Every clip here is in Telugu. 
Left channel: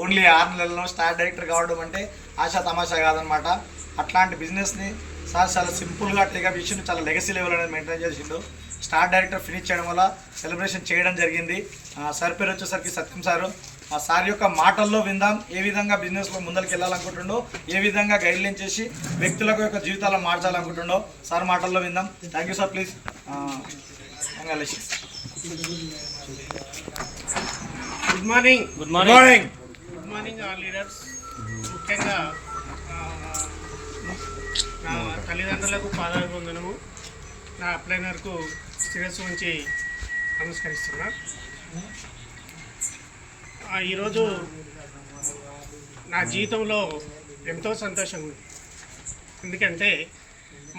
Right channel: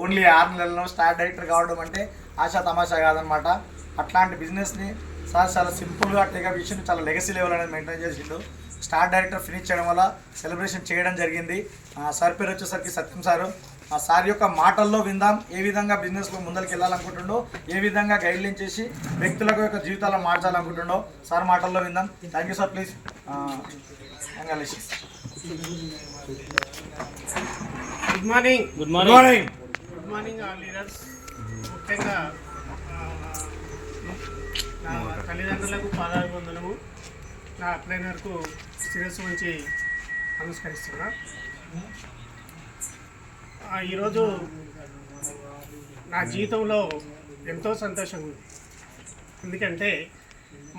ఓన్లీ 6 నెలల్లో స్టార్ డైరెక్టర్ కావడం అంటే ఆశా తమాషా కాదనమాట. అట్లాంటి బిజినెస్ని సార్ చాలా సింపుల్గా టేకప్ చేసిండు, చాలా లెగసీ లెవెల్ అనేది మెయింటైన్ చేసిండు. స్టార్ డైరెక్టర్ ఫినిష్ చేయడం వల్ల సెలబ్రేషన్ చేయడం జరిగింది. సార్ పేరు వచ్చేసరికి సత్యం సారు. ఆ సార్ యొక్క మాటల్లో విందాం ఏ విధంగా బిజినెస్లో ముందరికి వెళ్ళాలనుకుంటుండో, ఏ విధంగా గైడ్లైన్ చేసి వ్యక్తులకు యొక్క జీవితాలను మార్చాలనుకుంటుండో సార్ మాటల్లో విందాం. Thank you sir. Please. Good morning. Good morning. Good morning all leaders. ముఖ్యంగా నా తల్లిదండ్రులకు పాదాభివందనము, నా అప్లైనర్కు శిరస్సు ఉంచి నమస్కరిస్తున్నా. ఈరోజు నా జీవితంలో ఎంతో సంతోషంగా ఉంది. ఎందుకంటే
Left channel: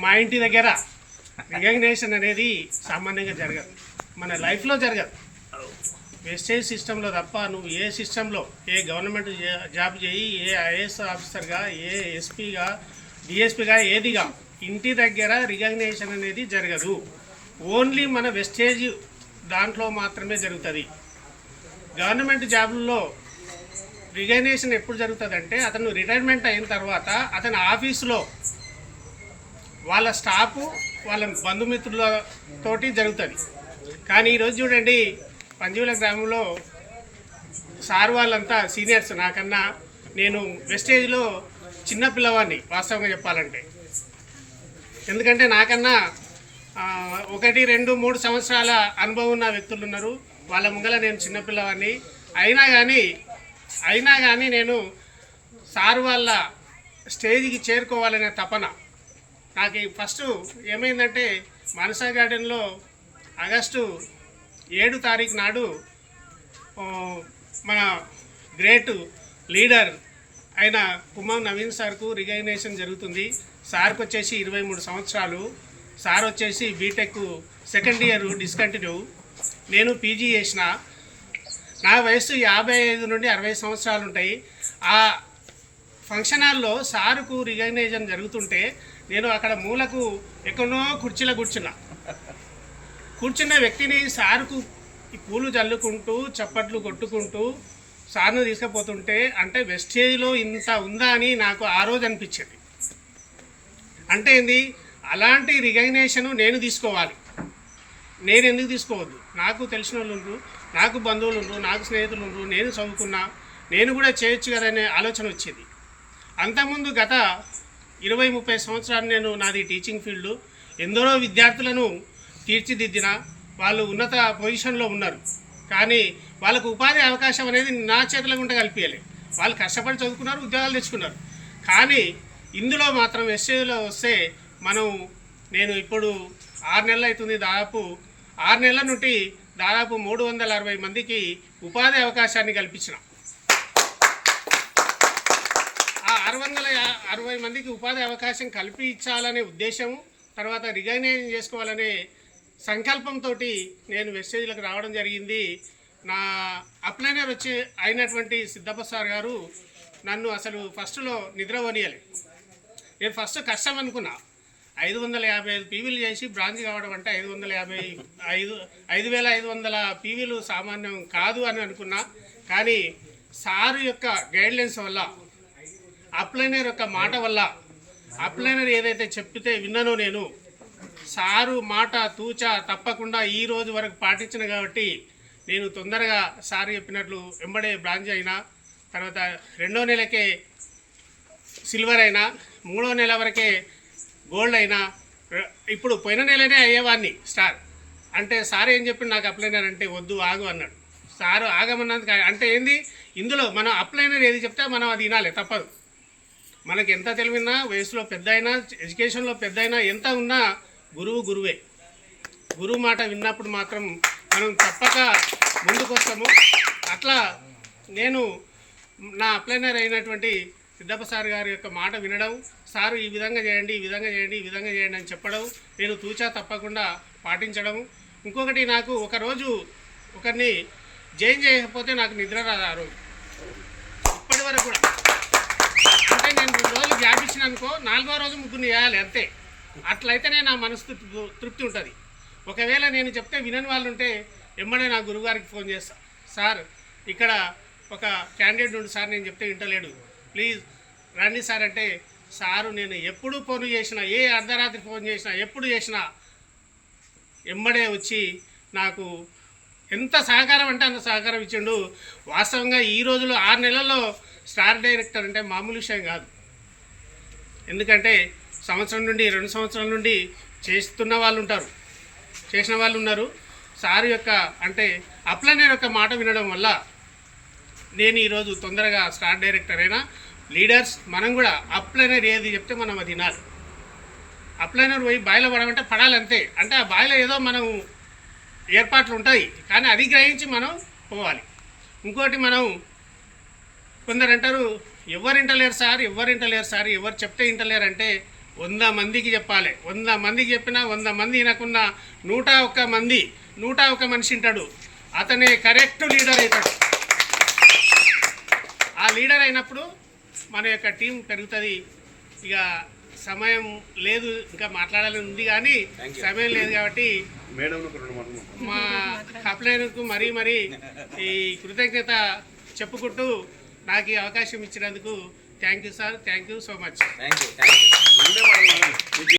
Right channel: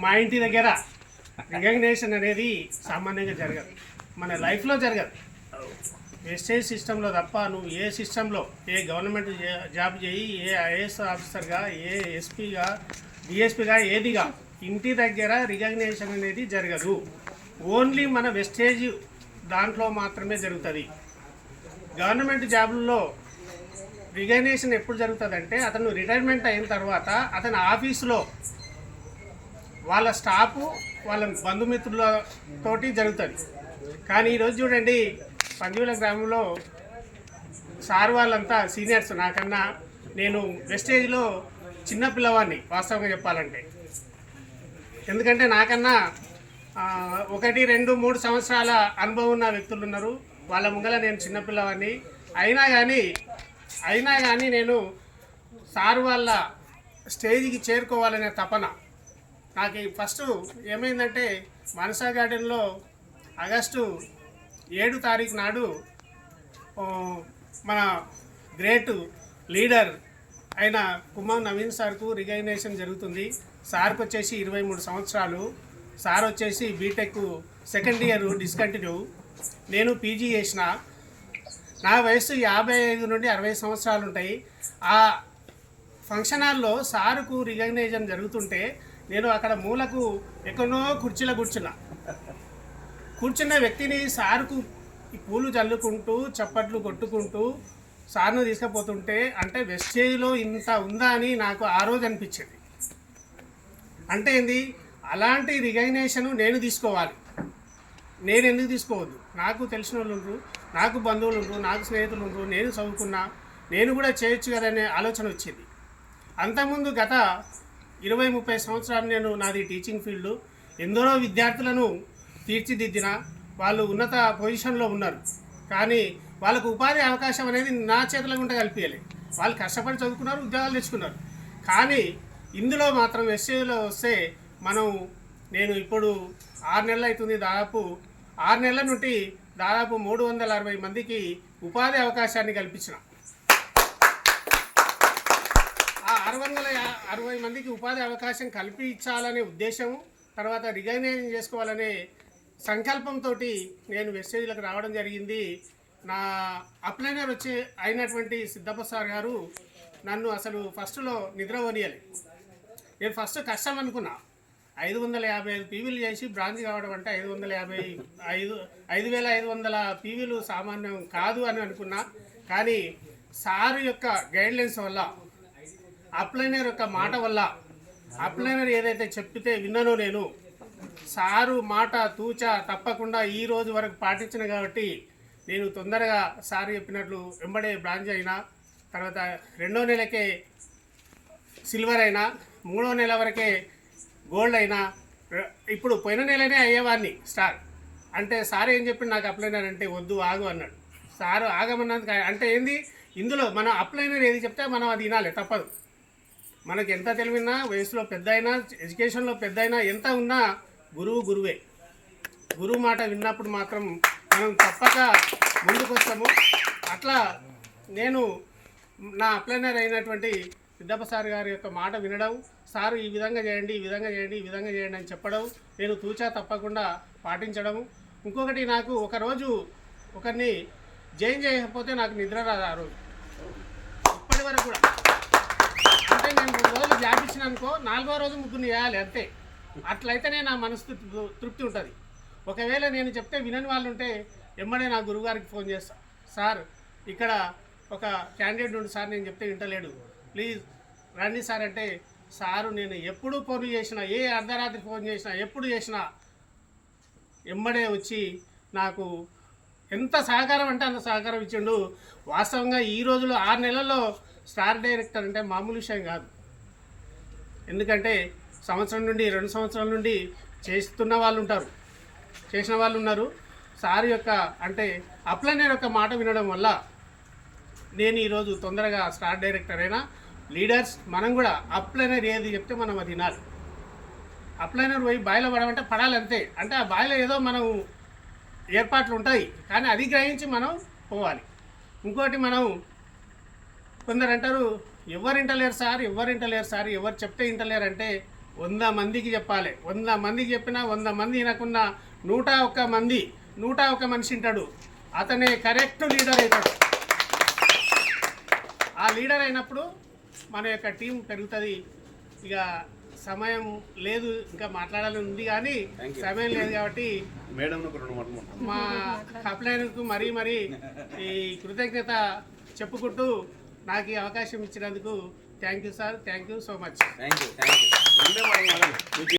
మా ఇంటి దగ్గర రికగ్నేషన్ అనేది సామాన్యంగా జరగదు, మన లైఫ్లో జరగదు. వెస్టేజ్ సిస్టంలో తప్ప నువ్వు ఏ సిస్టంలో ఏ గవర్నమెంట్ జాబ్ చేయి, ఏ ఐఏఎస్ ఆఫీసర్గా, ఏ ఎస్పీగా, డిఎస్పీగా, ఏదిగా ఇంటి దగ్గర రికగ్నేషన్ అనేది జరగదు. ఓన్లీ మన వెస్టేజ్ దాంట్లో మాత్రమే జరుగుతుంది. గవర్నమెంట్ జాబుల్లో రికగ్నేషన్ ఎప్పుడు జరుగుతుందంటే అతను రిటైర్మెంట్ అయిన తర్వాత అతని ఆఫీసులో వాళ్ళ స్టాఫ్ వాళ్ళ బంధుమిత్రులతోటి జరుగుతుంది. కానీ ఈరోజు చూడండి, పంజీవుల గ్రామంలో సార్ వాళ్ళంతా సీనియర్స్ నాకన్నా. నేను వెస్టేజ్లో చిన్న పిల్లవాడిని వాస్తవంగా చెప్పాలంటే. ఎందుకంటే నాకన్నా 1, 2, 3 సంవత్సరాల అనుభవం ఉన్న వ్యక్తులు ఉన్నారు. వాళ్ళ ముంగల నేను చిన్నపిల్లవాడిని. అయినా కానీ నేను సార్ వాళ్ళ స్టేజ్కి చేరుకోవాలనే తపన నాకు. ఫస్ట్ ఏమైందంటే మనసా గార్డెన్లో ఆగస్టు 7 తారీఖు నాడు మన గ్రేట్ లీడర్ అయిన కుమార్ నవీన్ సార్కు రికగ్నేషన్ జరుగుతుంది. సార్కి వచ్చేసి 23 సంవత్సరాలు. సార్ వచ్చేసి బీటెక్ సెకండ్ ఇయర్ డిస్కంటిన్యూ. నేను పీజీ చేసిన. నా వయసు 55 నుండి 60 సంవత్సరాలు ఉంటాయి. ఆ ఫంక్షన్ హాల్లో సారుకు రికగ్నేషన్ జరుగుతుంటే నేను అక్కడ మూలకు ఎక్కడో కుర్చీలో కూర్చున్న వ్యక్తిని సార్కు ఈ పూలు చల్లుకుంటూ చప్పట్లు కొట్టుకుంటూ సార్ను తీసుకుపోతుంటే అంటే వెస్టేజ్లో ఇంత ఉందా అని నాకు ఆ రోజు అనిపించేది. అంటే ఏంది, అలాంటి రికగ్నేషను నేను తీసుకోవాలి. నేను ఎందుకు తీసుకోవద్దు? నాకు తెలిసిన వాళ్ళు ఉండరు, నాకు బంధువులు ఉండరు, నాకు స్నేహితులు ఉండరు, నేను చదువుకున్నా, నేను కూడా చేయొచ్చు కదనే ఆలోచన వచ్చేది. అంతకుముందు గత 20-30 సంవత్సరాలు నేను నాది టీచింగ్ ఫీల్డ్. ఎందరో విద్యార్థులను తీర్చిదిద్దిన వాళ్ళు ఉన్నత పొజిషన్లో ఉన్నారు. కానీ వాళ్ళకు ఉపాధి అవకాశం అనేది నా చేతుల గుండా కల్పించాలి. వాళ్ళు కష్టపడి చదువుకున్నారు, ఉద్యోగాలు తెచ్చుకున్నారు. కానీ ఇందులో మాత్రం ఎస్ఏలో వస్తే నేను ఇప్పుడు 6 నెలలు అవుతుంది. దాదాపు 6 నెలల నుండి దాదాపు 360 మందికి ఉపాధి అవకాశాన్ని కల్పించిన. ఆ 660 మందికి ఉపాధి అవకాశం కల్పించాలనే ఉద్దేశం, తర్వాత రికగ్నైజ్ చేసుకోవాలనే సంకల్పంతో నేను వెస్టేజ్లకు రావడం జరిగింది. నా అప్లైనర్ అయినటువంటి సిద్ధప్ప సార్ గారు నన్ను అసలు ఫస్ట్లో నిద్రపోనియలే. నేను ఫస్ట్ కష్టం అనుకున్నా. 555 పీవీలు చేసి బ్రాంచ్ కావడం అంటే 5,500 పీవీలు సామాన్యం కాదు అని అనుకున్నా. కానీ సారు యొక్క గైడ్లైన్స్ వల్ల, అప్లైనర్ యొక్క మాట వల్ల, అప్లైనర్ ఏదైతే చెప్పితే విన్నానో నేను సారు మాట తూచా తప్పకుండా ఈ రోజు వరకు పాటించిన కాబట్టి నేను తొందరగా సార్ చెప్పినట్లు వెంబడే బ్రాంచ్ అయినా, తర్వాత 2వ నెలకే సిల్వర్ అయినా, 3వ నెల వరకే గోల్డ్ అయినా, ఇప్పుడు పోయిన నెలనే అయ్యేవాడిని స్టార్. అంటే సార్ ఏం చెప్పి నాకు అప్లైనర్ అంటే వద్దు ఆగు అన్నాడు. సారు ఆగమన్నందుకు అంటే ఏంది, ఇందులో మనం అప్లైనర్ ఏది చెప్తే మనం అది వినాలి, తప్పదు. మనకి ఎంత తెలివినా, వయసులో పెద్ద అయినా, ఎడ్యుకేషన్లో పెద్ద అయినా, ఎంత ఉన్నా గురువే. గురువు మాట విన్నప్పుడు మాత్రం మనం తప్పక ముందుకు వస్తాము. అట్లా నేను నా అప్లైనర్ అయినటువంటి సిద్ధప్ప సార్ గారి యొక్క మాట వినడం, సారు ఈ విధంగా చేయండి, ఈ విధంగా చేయండి, ఈ విధంగా చేయండి అని చెప్పడం, నేను తూచా తప్పకుండా పాటించడం. ఇంకొకటి, నాకు ఒకరోజు ఒకరిని జాయిన్ చేయకపోతే నాకు నిద్ర రాదు ఆ రోజు, ఇప్పటి వరకు కూడా. అంటే నేను 2 రోజులు గ్యాప్ ఇచ్చిన అనుకో, 4వ రోజు ముగ్గురిని చేయాలి అంతే. అట్లయితేనే నా మనసు తృప్తి ఉంటుంది. ఒకవేళ నేను చెప్తే వినని వాళ్ళు ఉంటే వెంబడే నా గురువుగారికి ఫోన్ చేస్తా, సార్ ఇక్కడ ఒక క్యాండిడేట్ నుండి సార్ నేను చెప్తే వింటలేడు, ప్లీజ్ రండి సార్ అంటే, సారు నేను ఎప్పుడు ఫోన్ చేసినా, ఏ అర్ధరాత్రి ఫోన్ చేసినా, ఎప్పుడు చేసినా ఎమ్మడే వచ్చి నాకు ఎంత సహకారం అంటే అంత సహకారం ఇచ్చిండు. వాస్తవంగా ఈ రోజులో 6 నెలల్లో స్టార్ డైరెక్టర్ అంటే మామూలు విషయం కాదు. ఎందుకంటే సంవత్సరం నుండి 2 సంవత్సరాల నుండి చేస్తున్న వాళ్ళు ఉంటారు, చేసిన వాళ్ళు ఉన్నారు. సార్ యొక్క అంటే అప్లైనర్ యొక్క మాట వినడం వల్ల నేను ఈరోజు తొందరగా స్టార్ డైరెక్టర్ అయినా. లీడర్స్ మనం కూడా అప్లైనర్ ఏది చెప్తే మనం అది వినాలి. అప్లైనర్ పోయి బాయిలో పడమంటే పడాలి అంతే. అంటే ఆ బాయిలో ఏదో మనం ఏర్పాట్లు ఉంటాయి, కానీ అది గ్రహించి మనం పోవాలి. ఇంకోటి మనం కొందరు అంటారు ఎవరు ఇంటలేరు సార్, ఎవరు చెప్తే ఇంటలేరు అంటే 100 మందికి చెప్పాలి. 100 మందికి చెప్పినా 100 మంది వినకున్నా 101 మనిషి ఉంటాడు, అతనే కరెక్ట్ లీడర్ అవుతాడు. ఆ లీడర్ అయినప్పుడు మన యొక్క టీం పెరుగుతుంది. ఇక సమయం లేదు, ఇంకా మాట్లాడాలని ఉంది కానీ సమయం లేదు కాబట్టి మా అప్లైనర్కు మరీ ఈ కృతజ్ఞత చెప్పుకుంటూ నాకు ఈ అవకాశం ఇచ్చినందుకు thank you sir, thank you so much.